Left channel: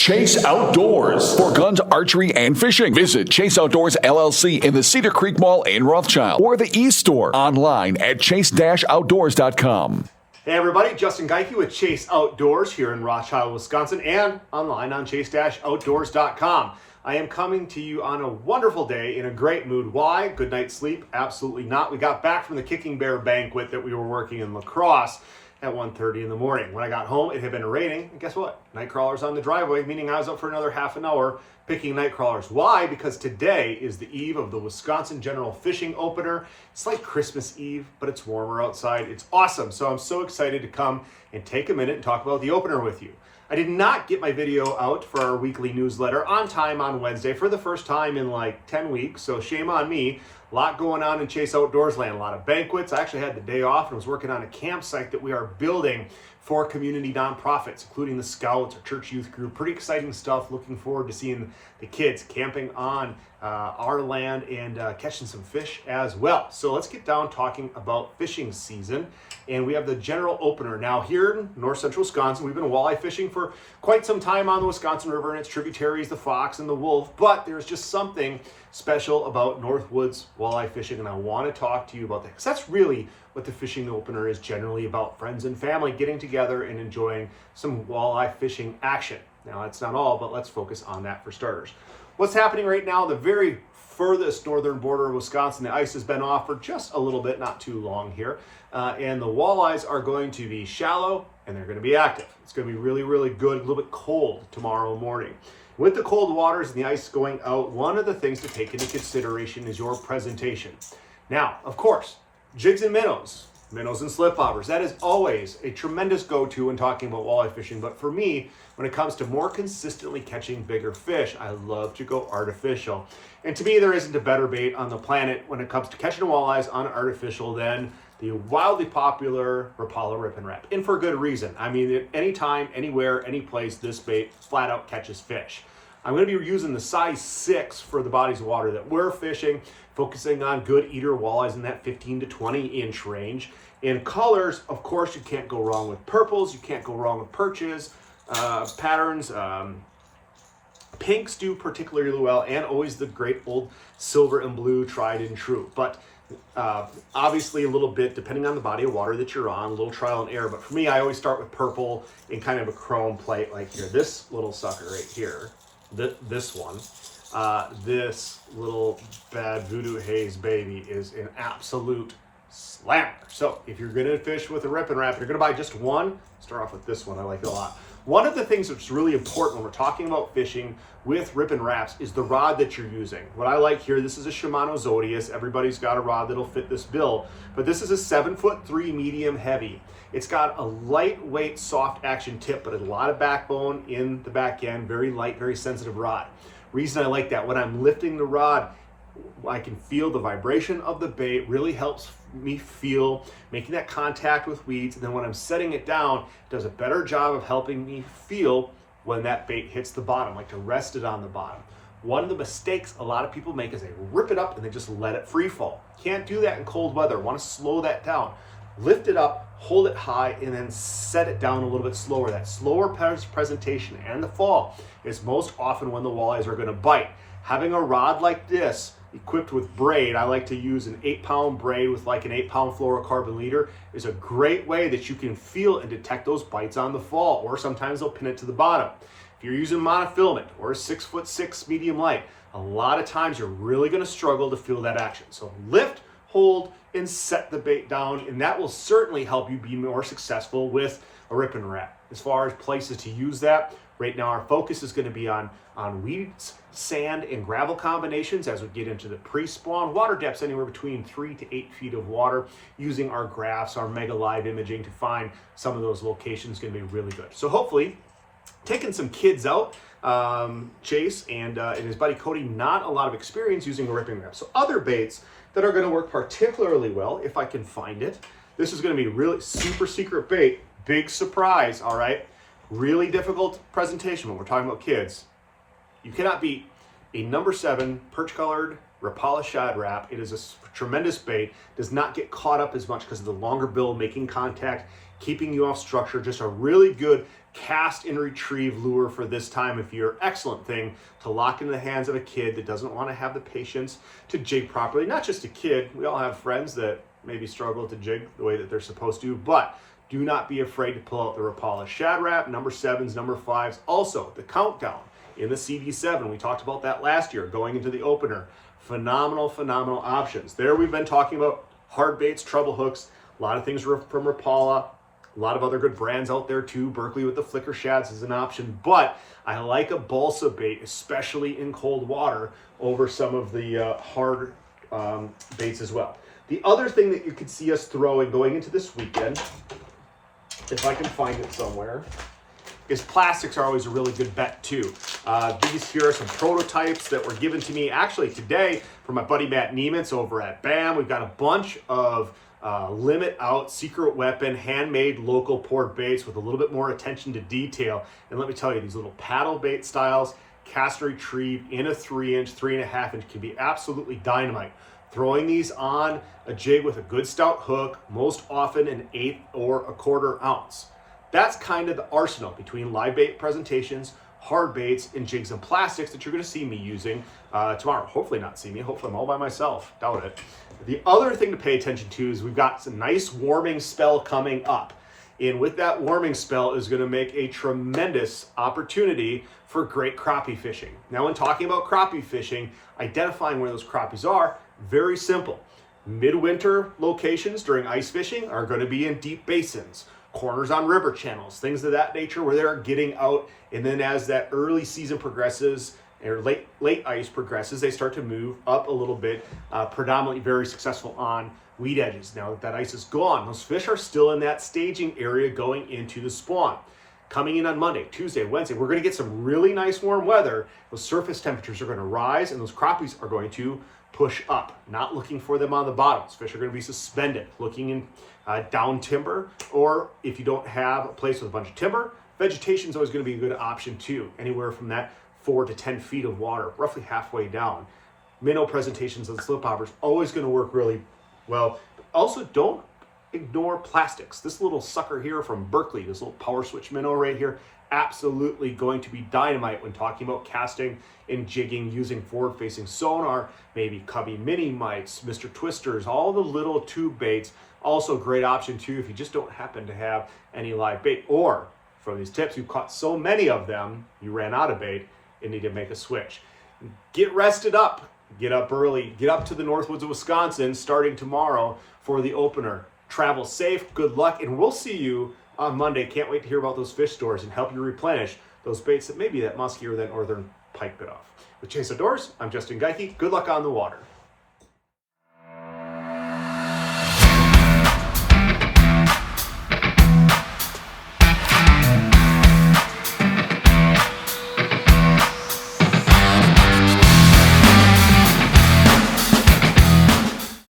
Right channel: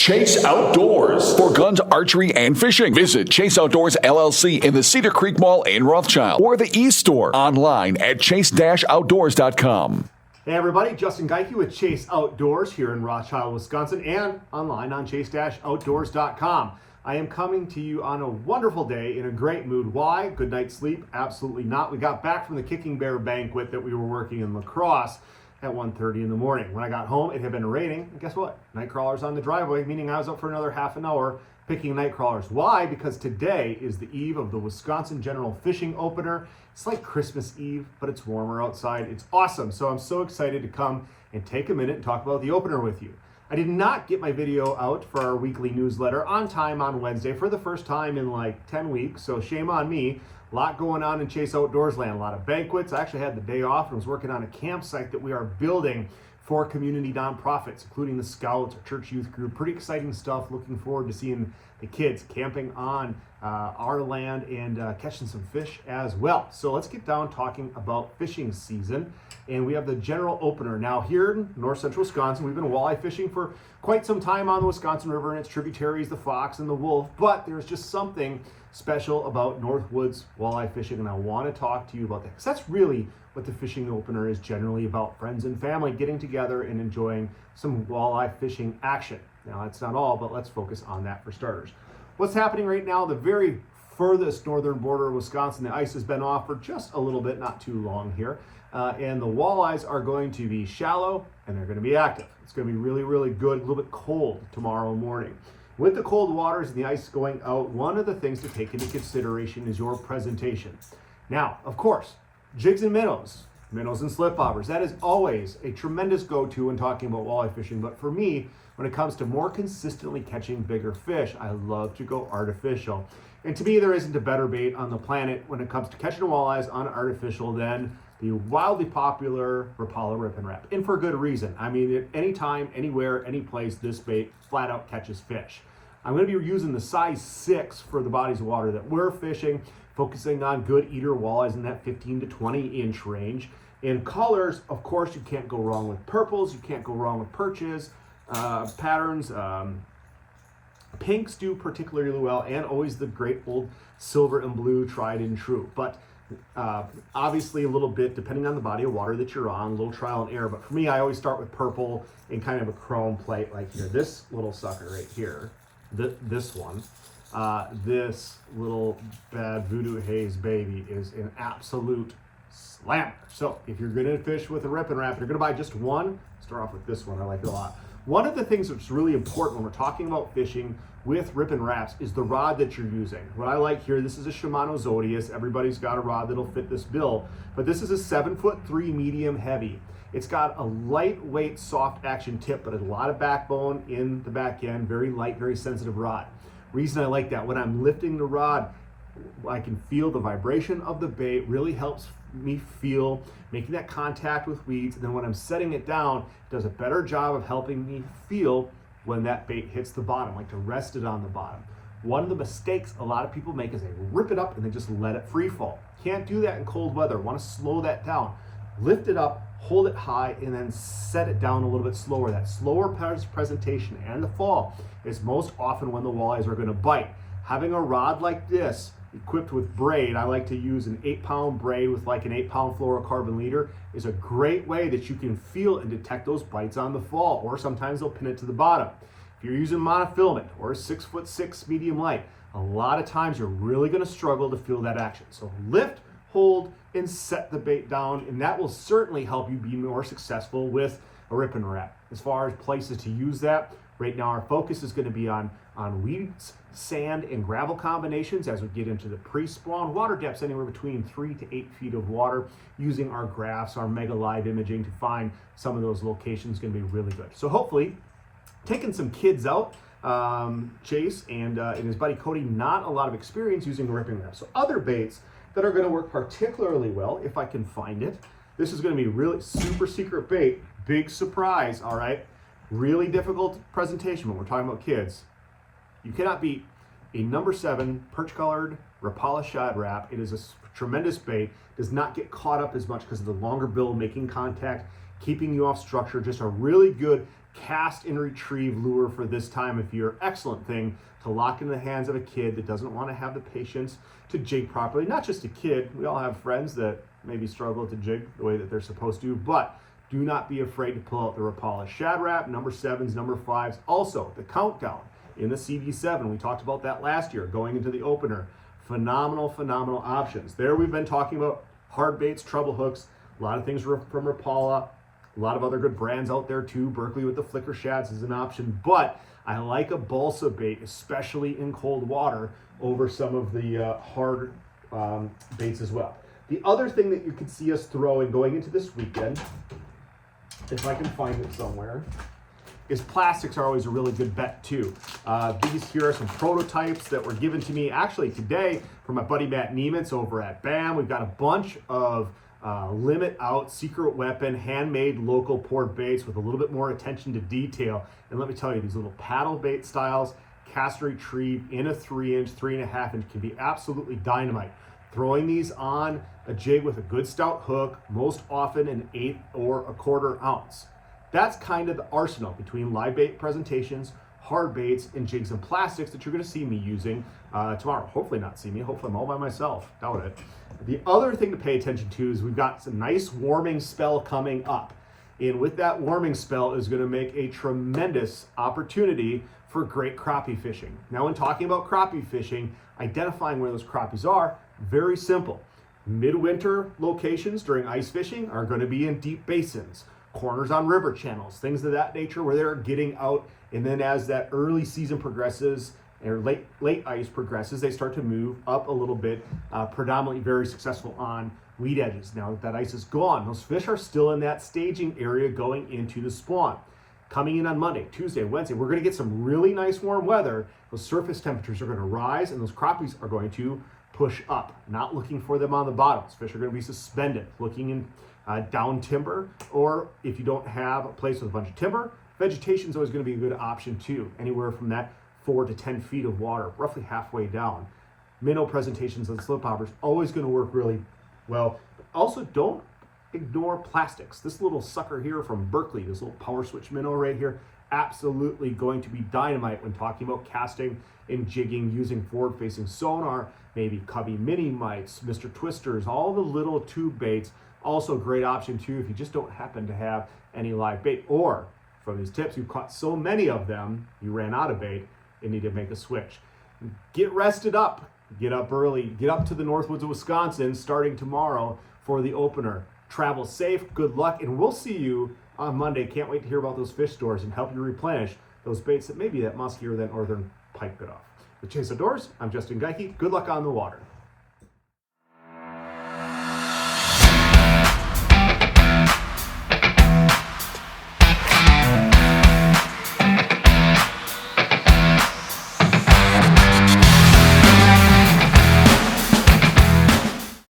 Chase Outdoors for guns, archery, and fishing. Visit Chase Outdoors LLC in the Cedar Creek Mall in Rothschild or the e-store online at chase-outdoors.com. Hey everybody, Justin Geike with Chase Outdoors here in Rothschild, Wisconsin, and online on chase-outdoors.com. I am coming to you on a wonderful day in a great mood. Why? Good night's sleep? Absolutely not. We got back from the Kicking Bear banquet that we were working in La Crosse at 1:30 in the morning. When I got home, it had been raining, and guess what? Night crawlers on the driveway, meaning I was up for another half an hour picking night crawlers. Why? Because today is the eve of the Wisconsin General Fishing Opener. It's like Christmas Eve, but it's warmer outside. It's awesome. So I'm so excited to come and take a minute and talk about the opener with you. I did not get my video out for our weekly newsletter on time on Wednesday for the first time in like 10 weeks, so shame on me. A lot going on in Chase Outdoors land, a lot of banquets. I actually had the day off and was working on a campsite that we are building for community nonprofits, including the Scouts, our church youth group. Pretty exciting stuff. Looking forward to seeing the kids camping on our land and catching some fish as well. So let's get down talking about fishing season. And we have the general opener. Now here in north central Wisconsin, we've been walleye fishing for quite some time on the Wisconsin River and its tributaries, the Fox and the Wolf, but there's just something special about Northwoods walleye fishing, and I want to talk to you about that, because that's really what the fishing opener is generally about: friends and family getting together and enjoying some walleye fishing action. Now that's not all, but let's focus on that for starters. What's happening right now, the very furthest northern border of Wisconsin, the ice has been off for just a little bit, not too long here, and the walleyes are going to be shallow and they're going to be active. It's going to be really, really good, a little bit cold tomorrow morning. With the cold waters and the ice going out, one of the things to take into consideration is your presentation. Now, of course, jigs and minnows and slip bobbers, that is always a tremendous go-to when talking about walleye fishing. But for me, when it comes to more consistently catching bigger fish, I love to go artificial. And to me, there isn't a better bait on the planet when it comes to catching walleyes on artificial than the wildly popular Rapala Rip and Wrap. And for good reason. I mean, at any time, anywhere, any place, this bait flat out catches fish. I'm going to be using the size 6 for the bodies of water that we're fishing, focusing on good eater walleyes in that 15 to 20 inch range. In colors, of course, you can't go wrong with purples, you can't go wrong with perches, patterns. Pinks do particularly well, and always the great old silver and blue, tried and true. But obviously a little bit, depending on the body of water that you're on, a little trial and error. But for me, I always start with purple in kind of a chrome plate like here. This little sucker right here, this one, this little bad Voodoo Haze baby is an absolute slammer. So if you're gonna fish with a Rip and Wrap, you're gonna buy just one, start off with this one. I like it a lot. One of the things that's really important when we're talking about fishing with Rip and Wraps is the rod that you're using. What I like here, this is a Shimano Zodius. Everybody's got a rod that'll fit this bill, but this is a 7'3" medium heavy. It's got a lightweight soft action tip, but a lot of backbone in the back end, very light, very sensitive rod. Reason I like that, when I'm lifting the rod, I can feel the vibration of the bait, really helps me feel making that contact with weeds. And then when I'm setting it down, it does a better job of helping me feel when that bait hits the bottom, like to rest it on the bottom. One of the mistakes a lot of people make is they rip it up and they just let it free fall. Can't do that in cold weather. Want to slow that down. Lift it up, hold it high, and then set it down a little bit slower. That slower presentation and the fall is most often when the walleyes are going to bite. Having a rod like this equipped with braid, I like to use an 8-pound braid with like an 8-pound fluorocarbon leader, is a great way that you can feel and detect those bites on the fall, or sometimes they'll pin it to the bottom. If you're using monofilament or a 6'6" medium light, a lot of times you're really going to struggle to feel that action. So lift, hold, and set the bait down, and that will certainly help you be more successful with a Rip and Wrap. As far as places to use that, right now our focus is going to be on weeds, sand, and gravel combinations as we get into the pre-spawn. Water depths anywhere between 3 to 8 feet of water, using our graphs, our mega live imaging to find some of those locations. Going to be really good. So hopefully taking some kids out, Chase and his buddy Cody, not a lot of experience using a Rip and Wrap. So other baits that are going to work particularly well, if I can find it, this is going to be really super secret bait, big surprise, all right? Really difficult presentation when we're talking about kids. You cannot beat a number 7 perch colored Rapala Shad Wrap. It is a tremendous bait, does not get caught up as much because of the longer bill making contact, keeping you off structure. Just a really good cast and retrieve lure for this time of year. Excellent thing to lock into the hands of a kid that doesn't want to have the patience to jig properly. Not just a kid, we all have friends that maybe struggle to jig the way that they're supposed to, but do not be afraid to pull out the Rapala Shad Rap, number 7s, number 5s. Also, the Countdown in the CD7. We talked about that last year going into the opener. Phenomenal options. There we've been talking about hard baits, treble hooks, a lot of things from Rapala, a lot of other good brands out there too. Berkeley with the flicker shads is an option, but I like a balsa bait, especially in cold water, over some of the hard baits as well. The other thing that you could see us throwing going into this weekend, if I can find it somewhere, is plastics are always a really good bet too. These here are some prototypes that were given to me actually today from my buddy Matt Niemitz over at BAM. We've got a bunch of limit out secret weapon handmade local poured baits with a little bit more attention to detail. And let me tell you, these little paddle bait styles, cast and retrieve in a 3-inch, 3.5-inch can be absolutely dynamite. Throwing these on a jig with a good stout hook, most often an 1/8 or 1/4 ounce. That's kind of the arsenal between live bait presentations, hard baits, and jigs and plastics that you're going to see me using tomorrow. Hopefully not see me. Hopefully I'm all by myself. Doubt it. The other thing to pay attention to is we've got a nice warming spell coming up. And with that warming spell is going to make a tremendous opportunity for great crappie fishing. Now, when talking about crappie fishing, identifying where those crappies are, very simple. Midwinter locations during ice fishing are going to be in deep basins, corners on river channels, things of that nature where they're getting out. And then as that early season progresses or late ice progresses, they start to move up a little bit, predominantly very successful on weed edges. Now that ice is gone, those fish are still in that staging area going into the spawn. Coming in on Monday, Tuesday, Wednesday, we're going to get some really nice warm weather. Those surface temperatures are going to rise and those crappies are going to push up. Not looking for them on the bottoms. Fish are going to be suspended, looking in down timber, or if you don't have a place with a bunch of timber, vegetation is always going to be a good option too. Anywhere from that 4 to 10 feet of water, roughly halfway down. Minnow presentations of the slip hoppers always going to work really well. Also, don't ignore plastics. This little sucker here from Berkeley, this little power switch minnow right here, absolutely going to be dynamite when talking about casting and jigging using forward-facing sonar, maybe Cubby mini mites, Mr. Twisters, all the little tube baits. Also a great option too if you just don't happen to have any live bait, or from these tips you caught so many of them you ran out of bait and need to make a switch. Get rested up, get up early, get up to the Northwoods of Wisconsin starting tomorrow for the opener. Travel safe, good luck, and we'll see you on Monday. Can't wait to hear about those fish stores and help you replenish those baits that maybe that muskier than northern pike bit off. With Chase Outdoors, I'm Justin Geike. Good luck on the water.